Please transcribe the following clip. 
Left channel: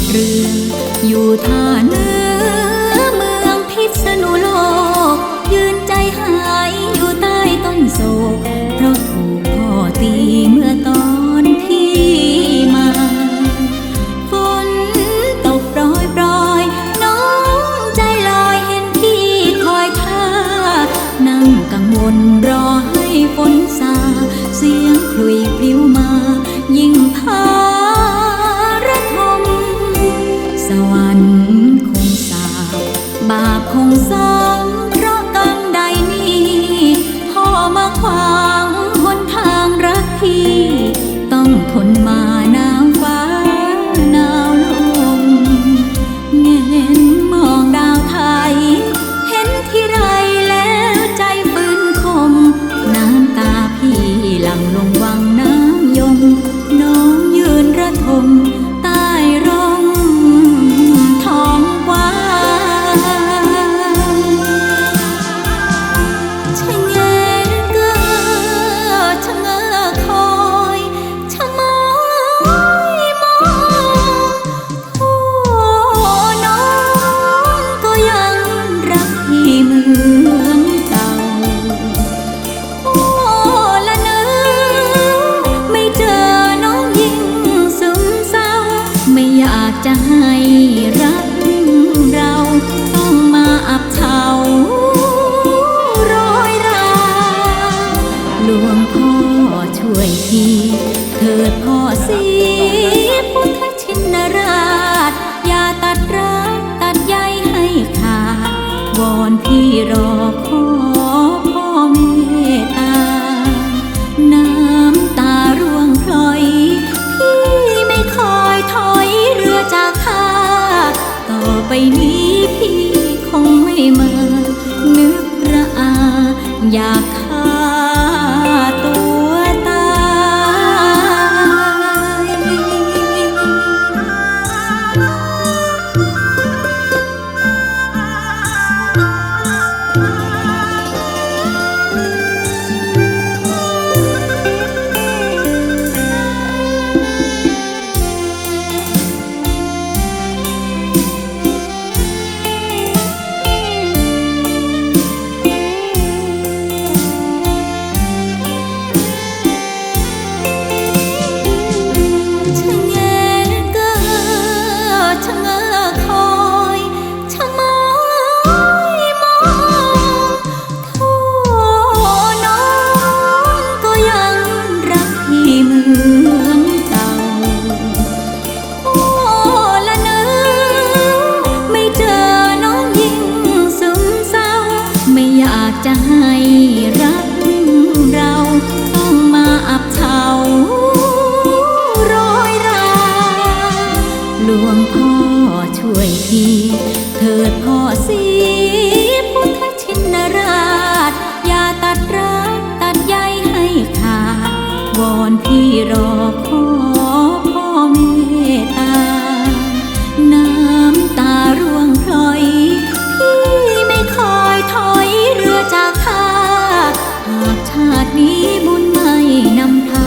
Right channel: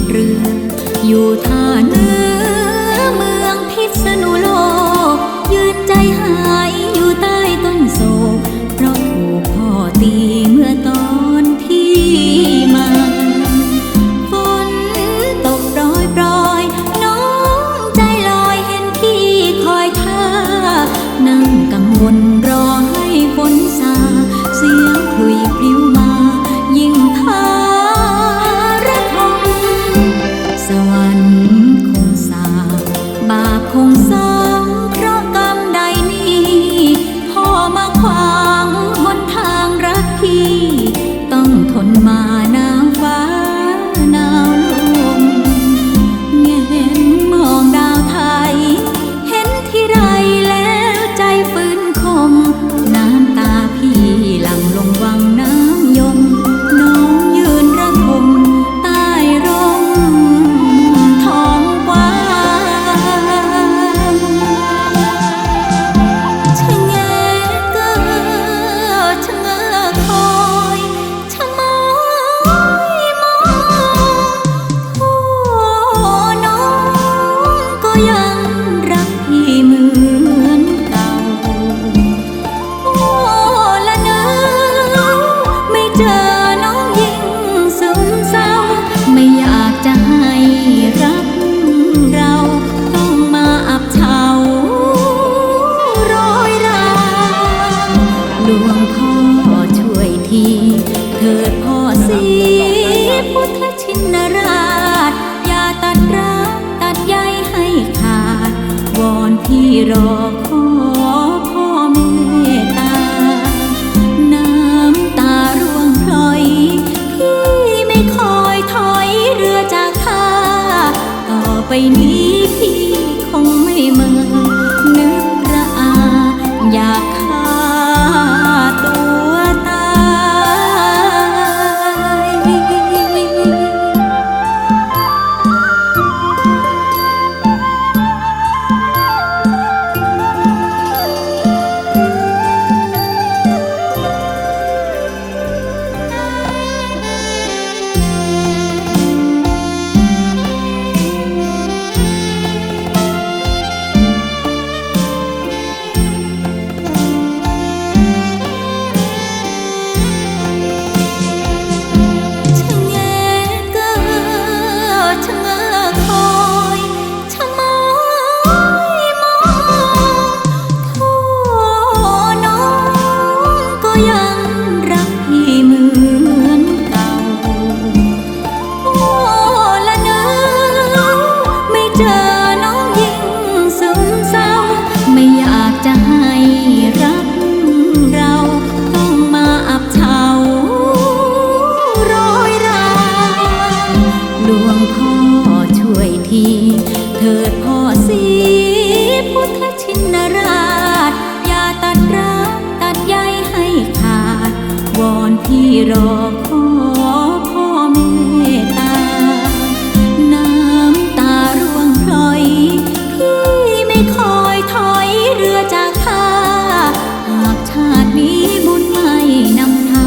ดเรือ อยู่ท่าเนื้อเมืองพิษณุโลก ยืนใจหายอยู่ใต้ต้นโศก เพราะถูกพ่อตีเมื่อตอนพี่มาฝนตกปรยปรอยน้องใจลอยเห็นพี่คอยท่า นั่งกังวลรอให้ฝนซา เสียงคลุยปลิวมา ยิ่งพา สวรรค์คงสาบบาปคงซ้ำเพราะกรรมใดนี้พ่อมาขวางหนทางรักพี่ ต้องทนมา ที เถิดพ่อสีพุทธชินราช อย่าตัดรักตัดใยให้ขาด วอนพี่รอขอพ่อเมตตา น้ำตาร่วงพลอย พี่ไม่คอยถอยเรือจากท่าต่อไปนี้พี่คงไม่มา นึกระอา อยากฆ่าตัว รักเราต้องมาอับเฉาร้อยราหลวงพ่อช่วยทีเถิดพ่อสีพุทธชินราช อย่าตัดรักตัดใยให้ขาด วอนพี่รอขอพ่อเมตตา น้ำตาร่วงพลอย พี่ไม่คอยถอยเรือจากท่า ชาตินี้บุญไม่นำพา